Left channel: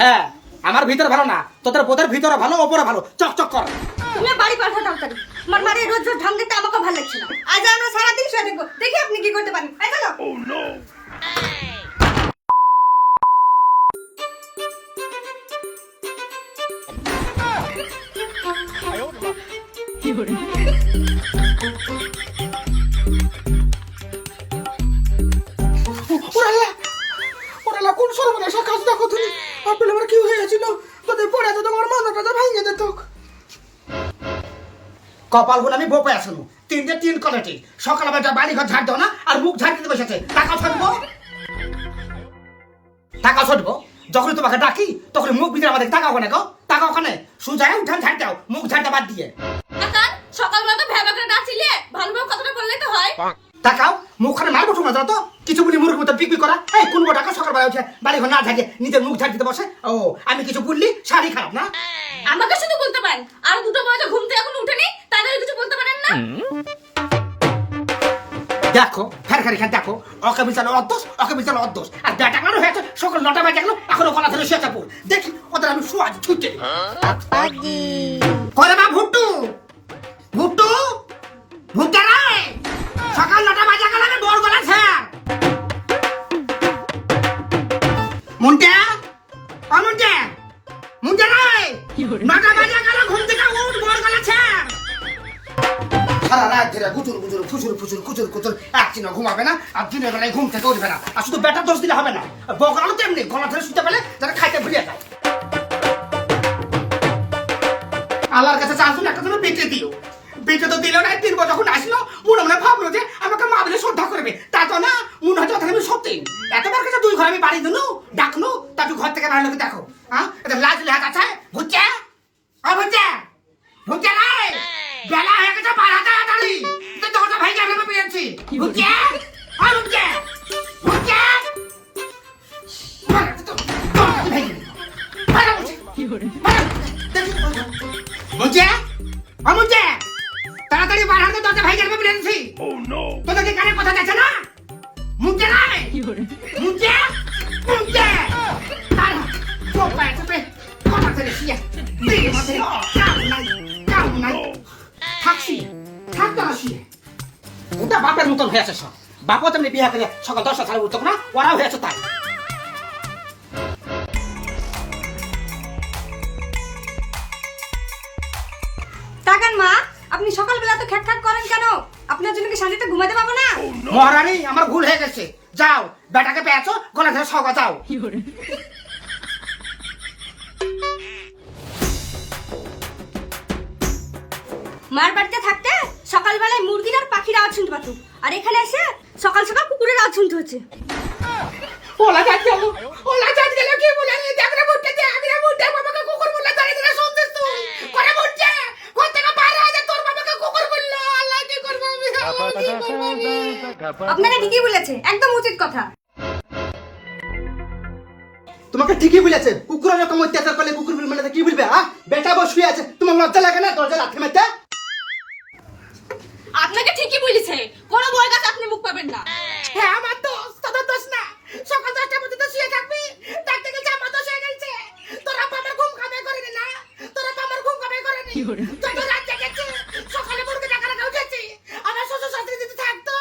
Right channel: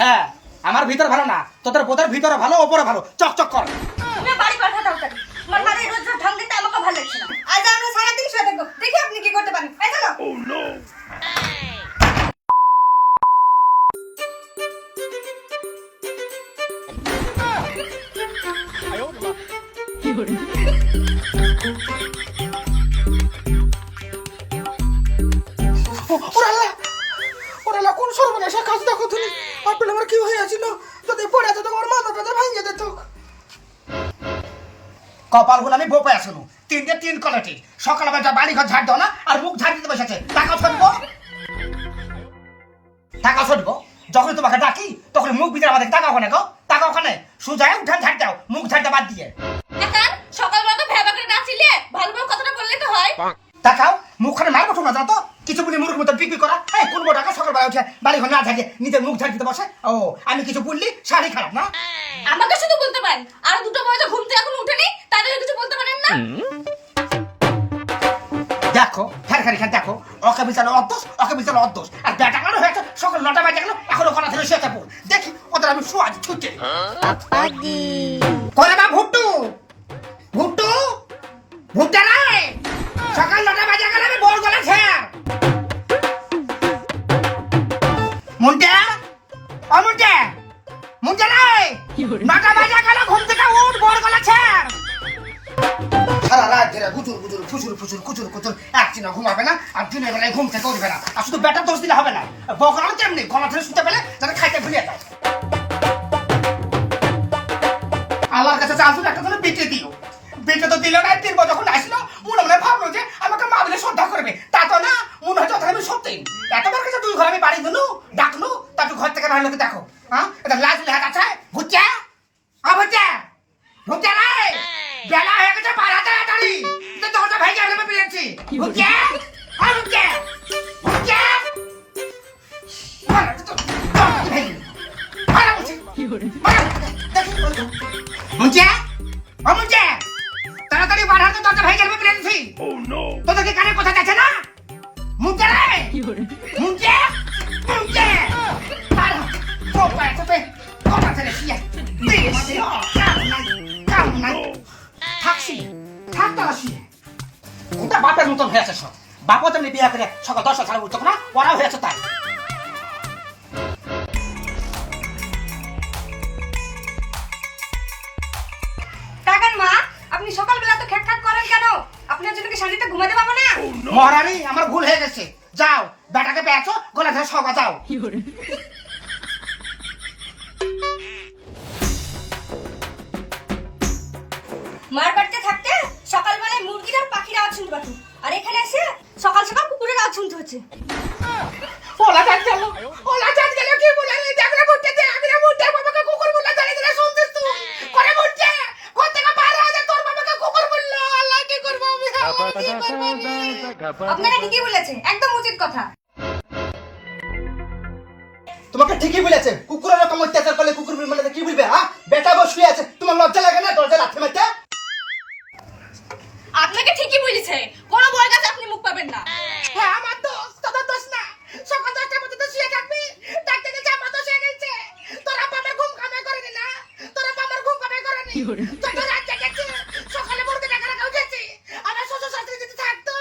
হ্যাঁ আমার ভিতর ভালো না তোদের বোধের ভিতরে ভালো ওপরে ভালো। চকচক কর। তুমি বাড়ি পাঠাও তাড়াতাড়ি আমার মারে রোজ রোজ ঢং দিতে আমাকে ভালো লাগছে না। আজ আমরা সারাদিন শুয়ে থাকব। দেখি আপনি কি করতে পারেন। এই চলো। ওরালা হয়েছিল যদি পড়ে তো তোমার মাথাটা ভাঙে যেত কপালগুলো আমি বোপায় শুনু তিনটে তিন কোয়ালিটি সকালবেলা বাড়ি ঘর ঝাড় দাও না আর মুখ ঝাড় দিতে বসেছে। টাকা ছড়বো টাকা ছড়বো যখন তোমাকে ডাকি তখন মুখ ভিতরে আমাদের টাকা ওখানে গো। টাকা ওখানে। সুজায় উঠান ঝাড় দাও মুখ ঝাড়টা বাদ দিয়ে। সকালবেলা তো ভেবা করে নাচিলে ভালোভাবে কথাটা বললেই তো হয়। তাকাও মুখখানে মারবো ঠোঙা দাও তো কিছু বলি মুরগির মতো পিকপিক করা। এই কোন টাকা সকালবেলা উঠে বাড়ি ঘর না ঝাঁকিয়ে নিজের মুখ ঝাঁক দিতে বসে? ও আমি কিছু বললি শাড়ি খারাপ না? আমাকে শুধু বলতে পারেন আর দুটো বয়সে ঘুম থেকে এখন উঠেনি তাদের কিছু বলতে পারেন না? দেখো ফের ফের এখানে দেখো ওকে বিচালো অদ্দোষ ওকে বিচালো অদ্দোষ। আর বেটা কেন হয়েছে? সকাল নটা বাজে গেল এখনও গলা ধরে শুয়ে থাকব দেখি ওদের আমি শোয়া ছুটে। করে বা ভুট্টু। রাত ধরে গুজুর গুজুর ফুচুর ফুচুর কুচুর কুচুর একদিনও ঘুমাবে না আর দিনের বেলায় ঘুম থেকে উঠবে না। আর শুধু বেটার দোষ দিলে হবে না। বকরাও তেমনি গলা ধরে শুতে পেলে যারা খাইতে ভুলিয়ে দেয় আল্লাহর কাছে চাচ্ছিল একটা জন্য বেঁচে দিও বেঁচে তো দিল না বছর যখন আসলো, মনে মনে ভাবলো যে আমাকে মা বলে শ্রদ্ধা করবে। তা তো না, মনে ওদের আমি সত্যি। এতবার কাছে দুই ঘর আমি বাড়ি দিলু, ডাকলু, তারপর ঘর থেকে বাইরে লোকে দেখো। হ্যাঁ এটা লাজ লেহাত আছে? ঘুরছে? আ, ঘুরছে? তাড়াতাড়ি বাড়ার তো দরজা ভাই গেলে পেয়েছি তোদের কি কানে কথা যাচ্ছে না? মুঞ্চে নাই? মুঞ্চে মুঞ্চে ওটা বাপের মতন হয়েছে সব বাপও তেমনি বিয়ে করে সকাল দশটা সাড়ে উঠতো না ওরাও হয়েছে তাই। টাকান মা আপনি সকালবেলা তো খ্যাক করেন কেন? আপনার জন্য কি শান্তিতে ঘুমাতে পাবো না? মহারানী আমার ভুল হয়ে গেছে। যাও বেটাকে পেয়েছ গলা ধরে সবা যাও। মার বাড়িতে থাকতে আর পাখির আওয়াজ শুনতে পাতো আর এখানে এসে সকাল সকাল কুকুরের আওয়াজ শুনতে হচ্ছে। ওলা যাত গেল ওলা যাত গেল কি বলে রে? দেখরা বুঝতে দে না বুঝতে বাবাকে কুকুর বলে ধরে ধরে শুনছিস তুই? করে বুঝছে কোথা থেকে পারে আছে তোর বাবাকে কুকুর বলল। আল্লাহ কি করব আমি? আপনাকে ঠিকই বলেছে একদম উচিত কথা। তোমাকে ঠিকই বলেছে কুকুরের রকম অত্যাচার করলে কুকুর মানে কি বলবে হ্যাঁ? বেটা বস শুয়ে আছে তোমার লজ্জা লাগে না? দরজা লাথি মারতে? আপনাকে ঠিকই বলেছে। কোন বউয়ের কাছে আপনি মুখ পাবেন না। হ্যাঁ আমার দোষ তোদের দোষ না। সকাল দশটার মধ্যে তো শুয়ে থাকবি। ডাকতে গেছে আমার দোষ হয়ে গেছে। তোরা আমার ঘুম কামাই করেনি না? তোরা আমার ঘুম কামাই করেনি? রাত সকালে রাখা উঠেছি। আমার শ্বশুর শাশুড়ি যদি থাকতো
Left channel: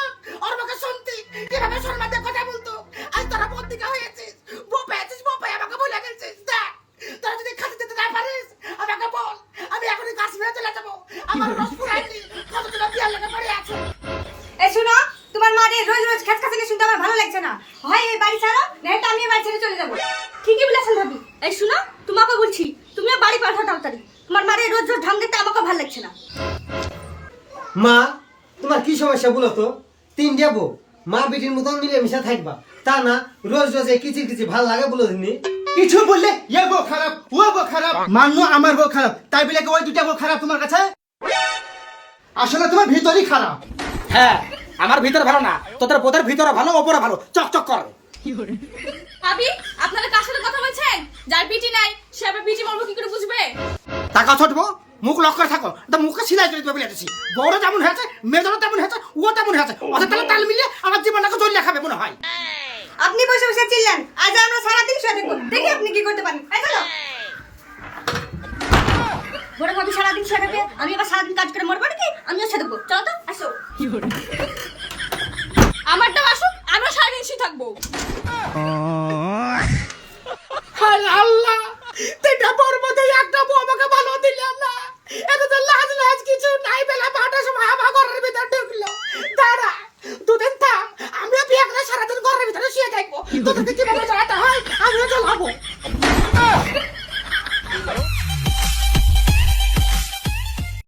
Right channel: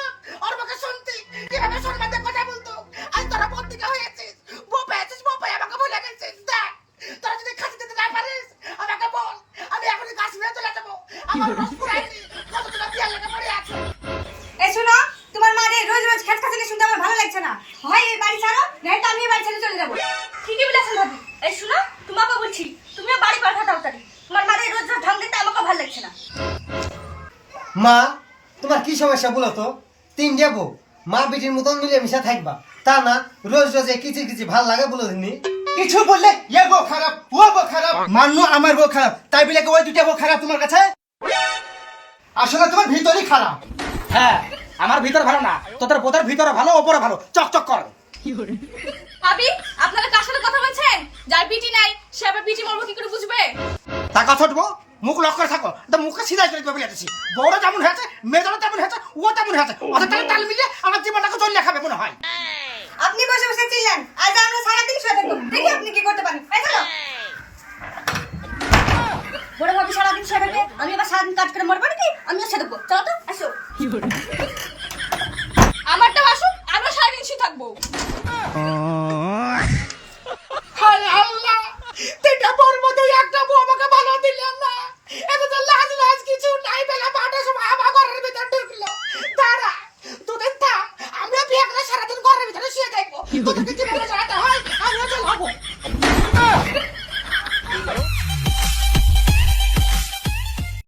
ওর মুখে শুনতি। কীভাবে সম্মান কথা বলতো? আজ তোরা বন্দিকা হয়েছিস। বউ পেয়েছিস বউ পেয়ে আমাকে ভুলে গেছিস। দেখ তোরা যদি খাতি দিতে না পারিস আমাকে বল আমি এখনই কাশ্মীরে চলে যাব। আমার খাচানি শুনতে আমার ভালো লাগছে না। হয় এই বাড়ি ছাড়ো নাই আমি এই বাড়ি ছেড়ে চলে যাব। ঠিকই বলেছেন ভাবি। এই শোনো তোমাকে বলছি তুমি বাড়ি পাঠাও তাড়াতাড়ি। তোমার মারে রোজ রোজ ঢং দিতে আমাকে ভালো লাগছে না। মা তোমার কি সমস্যা বলো তো? তিন যাব মা বেটির মতন মিলেমিশে থাকবা। তা না রোজ রোজ কিচির কিচির ভালো লাগে বলো দিনি। কিছু বললে ইয়ে বউ খারাপ ও বউ খারাপ মান্য আমার বউ খারাপ। তাই বলে ওই দুটা বউ খারাপ তোমার কাছে? আসলে তোমার ভিতরই খারাপ। হ্যাঁ আমার ভিতর ভালো না তোদের বোধের ভিতরে ভালো ওপরে ভালো। চকচক করবে ভাবি আপনারা কার সাথে কথা বলছেন? যার বিটি নাই সে আবার বিটি মরবো কি করে বুঝবে? টাকা ছটবো? মুখ লক্ষ্য করে থাকো। তো মুখে সিলাই চলে দেবে লেটেছি বড় যেমন হয়েছে মেয়েদেরও তেমন হয়েছে ও তেমন হয়েছে। ওদের তাহলে তাল মিলিয়ে আমার জীবনটাকে জল লেখাবে মনে হয়। আপনি বসে বসে চিল্লান। আজ আমরা সারাদিন শুয়ে থাকব। দেখি আপনি কি করতে পারেন। বড় ভাবি সারাদিন শুয়ে থাকবে আমি আবার সারাদিন কাজ করে মরবো নাকি? আমিও শুয়ে থাকব। চলো তো আসো। হায় আল্লাহ তিনটা মধ্যে একটা বউ আমাকে ভালো দিলে না। এটা তো লাজ লাজ কিছু নাই বেলা বারোটার সময় আমার ঘরের ভিতরে ঢুকলো। দাঁড়া দুদিন থাম আমরা বিয়ে করে সারাদিন ঘরের ভিতরে শুয়ে থাকব। তোদেরকে